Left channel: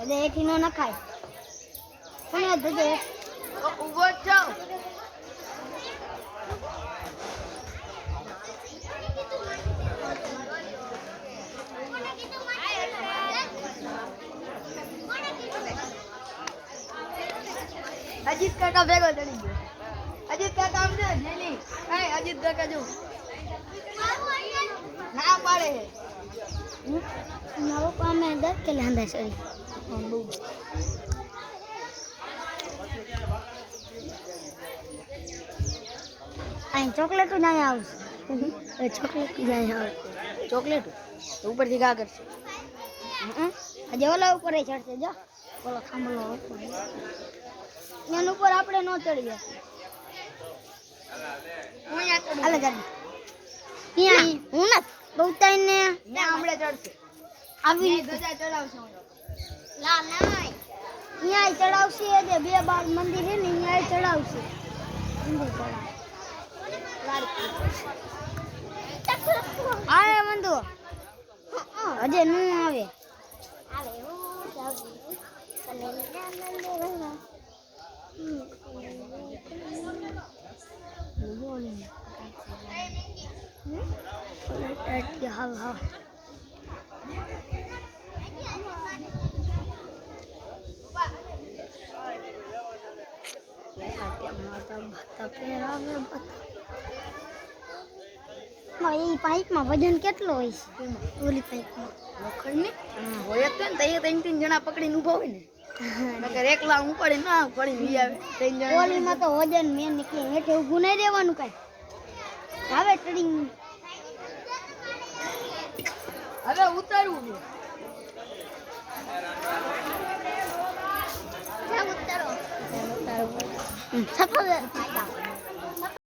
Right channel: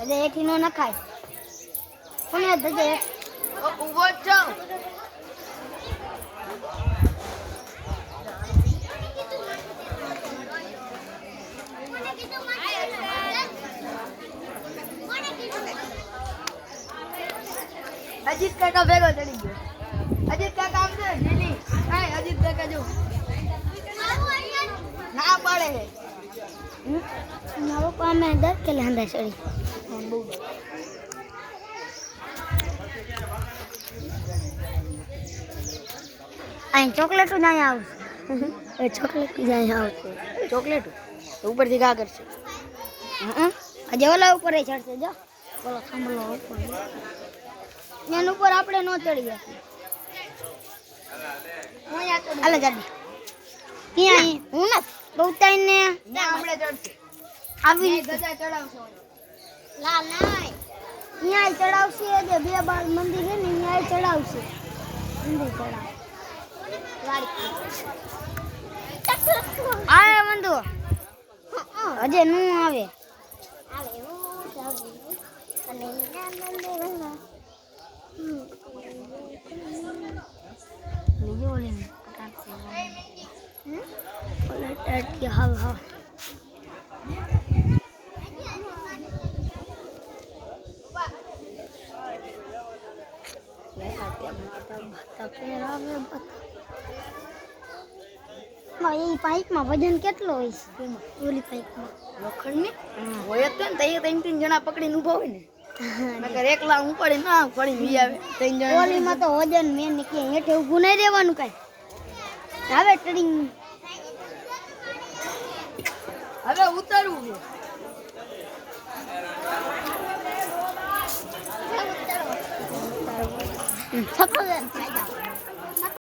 અરે એથી નો નખાય કોને દજે ઉભો છો અજીત કાકા ભેગો ચડી ગયો અજીત કાકા આમ છે જીની એ અજીત કાકા જો ના પાડે મારો પામે 10 કિલો હંદા સરી બહુ અહીં ચોકલેટ નહીં આવશે ચોકલેટ જાય આવશે ચોકલેટ ઉપરથી ઘા કરશે આજે ઓલા ઉપર ચડશે જો ઓલો ખાંભલો ઉપર એના ઉપર આપણે નો ચડી જશે હાલે ગાડી ક્યાં હું ના બહુ ટાઈમ ને ત્યાં હમણે ચડશે આવી ધજા ચડાવશો લા નાય અહીંયા ચડાવશે જે બે બાર મંદિર છે ને અહીંયા ચડાવશે મંદિર ચડાવ આવે મંદુ હજે નું આવે હા એ પાઇપમાં વજન કેટલો હોય છે ઓલી પાઇપમાં લોખંડની હોય તો ને ત્રણ જણા પકડીને ઊભા હોય ને નકર એકલા ઉપાડી ના પડી વી આવે ત્રણ જણા ઓલીમાં તો વજન મેન નીકળે હેઠે ઊભું નહીં રહેવાનું કાંઈ હવે ટ્રેડિંગ હવે ઉતારવું છે ઉતારો સફળ